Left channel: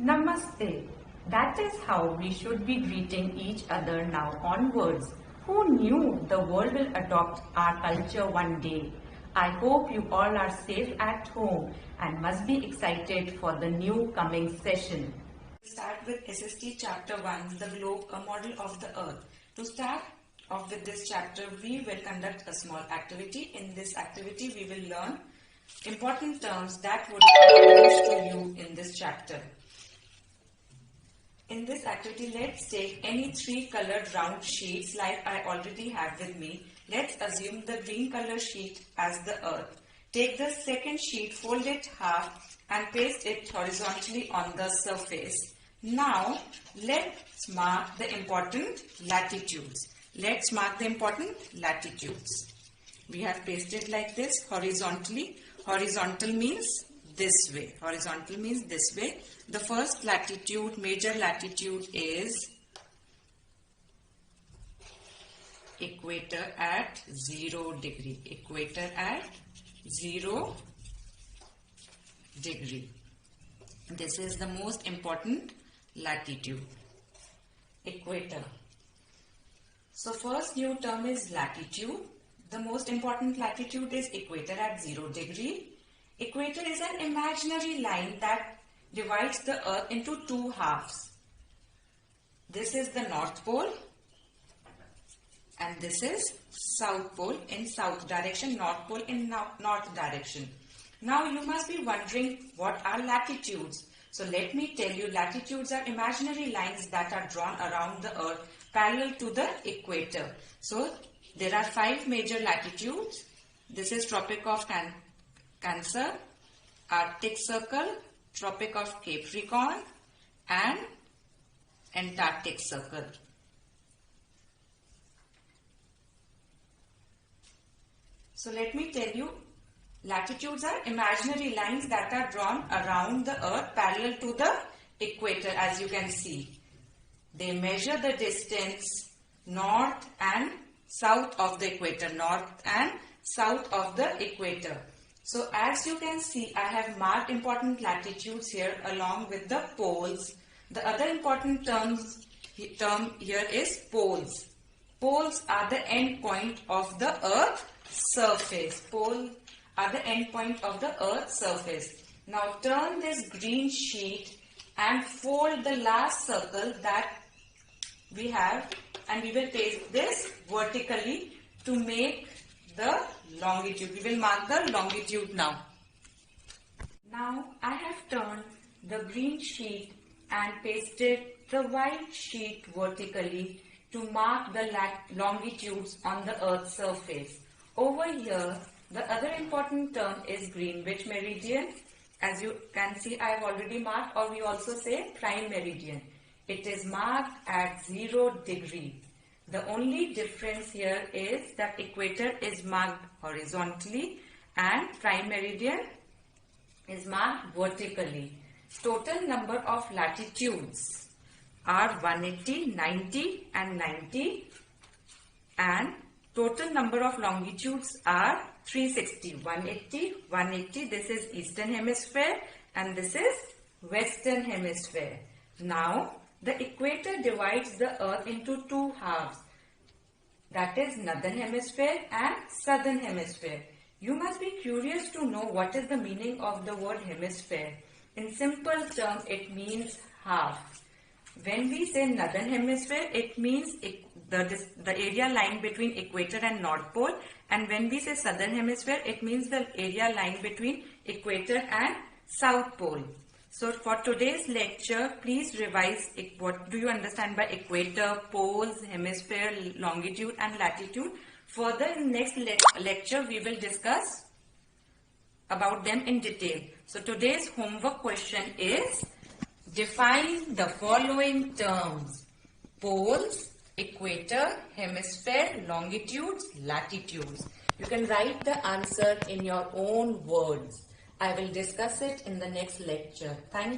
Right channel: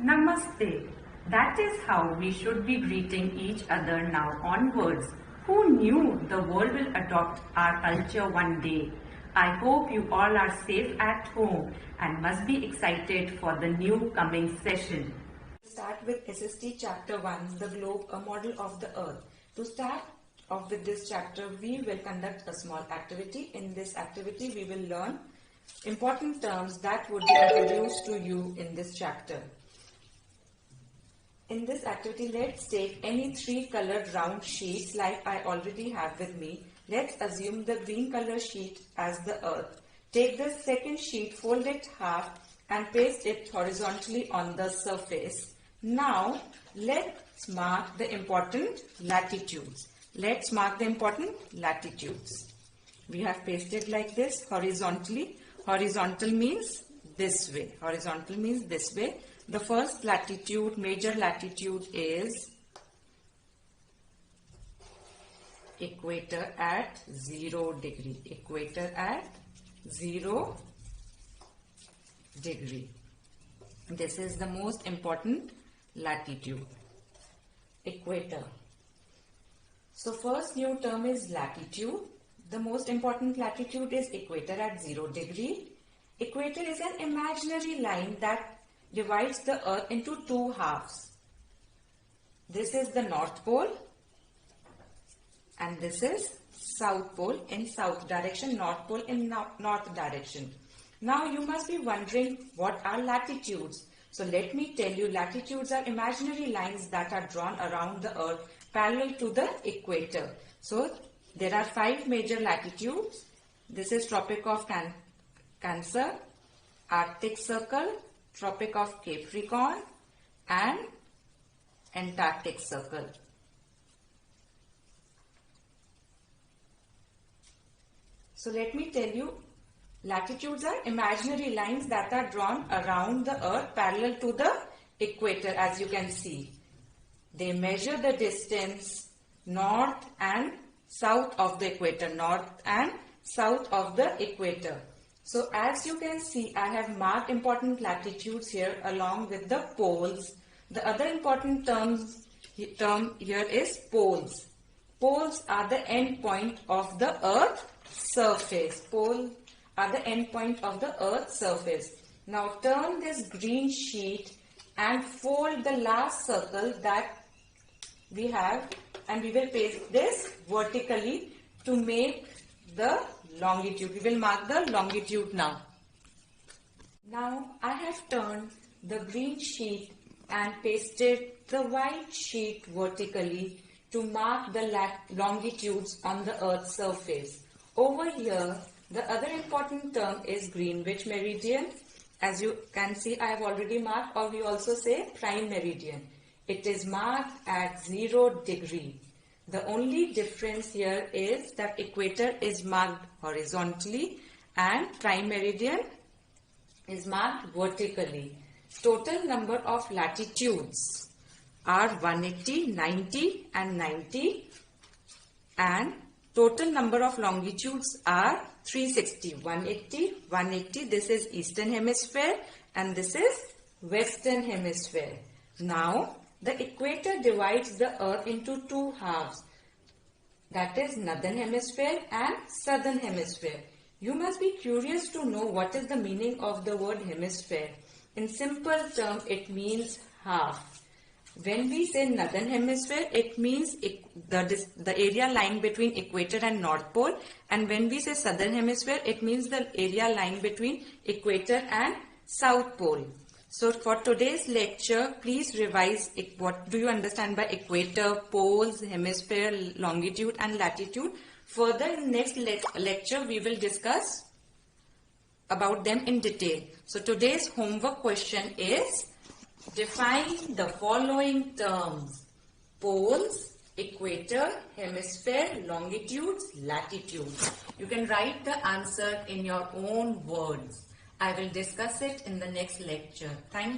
Namaste. That is how we should be greeting each other now onwards. Who knew the world will adopt our culture one day? I hope you all are safe at home and must be excited for the new coming session. Start with S.S.T. Chapter 1, The Globe, a Model of the Earth. To start off with this chapter, we will conduct a small activity. In this activity, we will learn important terms that would be introduced to you in this chapter. In this activity, let's take any three colored round sheets like I already have with me. Let's assume the green color sheet as the earth. Take the second sheet, fold it half and paste it horizontally on the surface. Now, let's mark the important latitudes. Let's mark the important latitudes. We have pasted like this horizontally. Horizontal means this way. Horizontal means this way. The first latitude, major latitude is equator at 0 degree. Equator at 0 degree. This is the most important latitude. Equator. So first new term is latitude. The most important latitude is equator at 0 degree. Equator is an imaginary line that divides the earth into two halves. This is the North Pole and this is South Pole in south direction, North Pole in north direction. Now you must be wondering what are latitudes. So let me tell you, latitudes are imaginary lines that are drawn around the earth parallel to the equator. So there are 5 major latitudes. This is Tropic of Cancer, Arctic Circle, Tropic of Capricorn and Antarctic Circle. So let me tell you, latitudes are imaginary lines that are drawn around the earth parallel to the equator, as you can see. They measure the distance north and south of the equator, north and south of the equator. So as you can see, I have marked important latitudes here along with the poles. The other important term here is poles. Poles are the end point of the earth's surface. Poles are the end point of the earth's surface. Now turn this green sheet and fold the last circle that we have, and we will paste this vertically to make the longitude. We will mark the longitude now. Now I have turned the green sheet and pasted the white sheet vertically to mark the longitudes on the earth's surface. Over here, the other important term is Greenwich meridian. As you can see, I have already marked, or we also say prime meridian. It is marked at 0 degree. The only difference here is that equator is marked horizontally and prime meridian is marked vertically. Total number of latitudes are 180, 90 and 90, and total number of longitudes are 360. 180, 180, this is Eastern Hemisphere and this is Western Hemisphere. Now, the equator divides the earth into two halves, that is Northern Hemisphere and Southern Hemisphere. You must be curious to know what is the meaning of the word hemisphere. In simple terms, it means half. When we say Northern Hemisphere, it means the area lying between equator and North Pole, and when we say Southern Hemisphere, it means the area lying between equator and South Pole. So for today's lecture, please revise what do you understand by equator, poles, hemisphere, longitude and latitude. Further, in next lecture, we will discuss about them in detail. So today's homework question is, define the following terms: poles, equator, hemisphere, longitudes, latitudes. You can write the answer in your own words. I will discuss it in the next lecture. Thank you.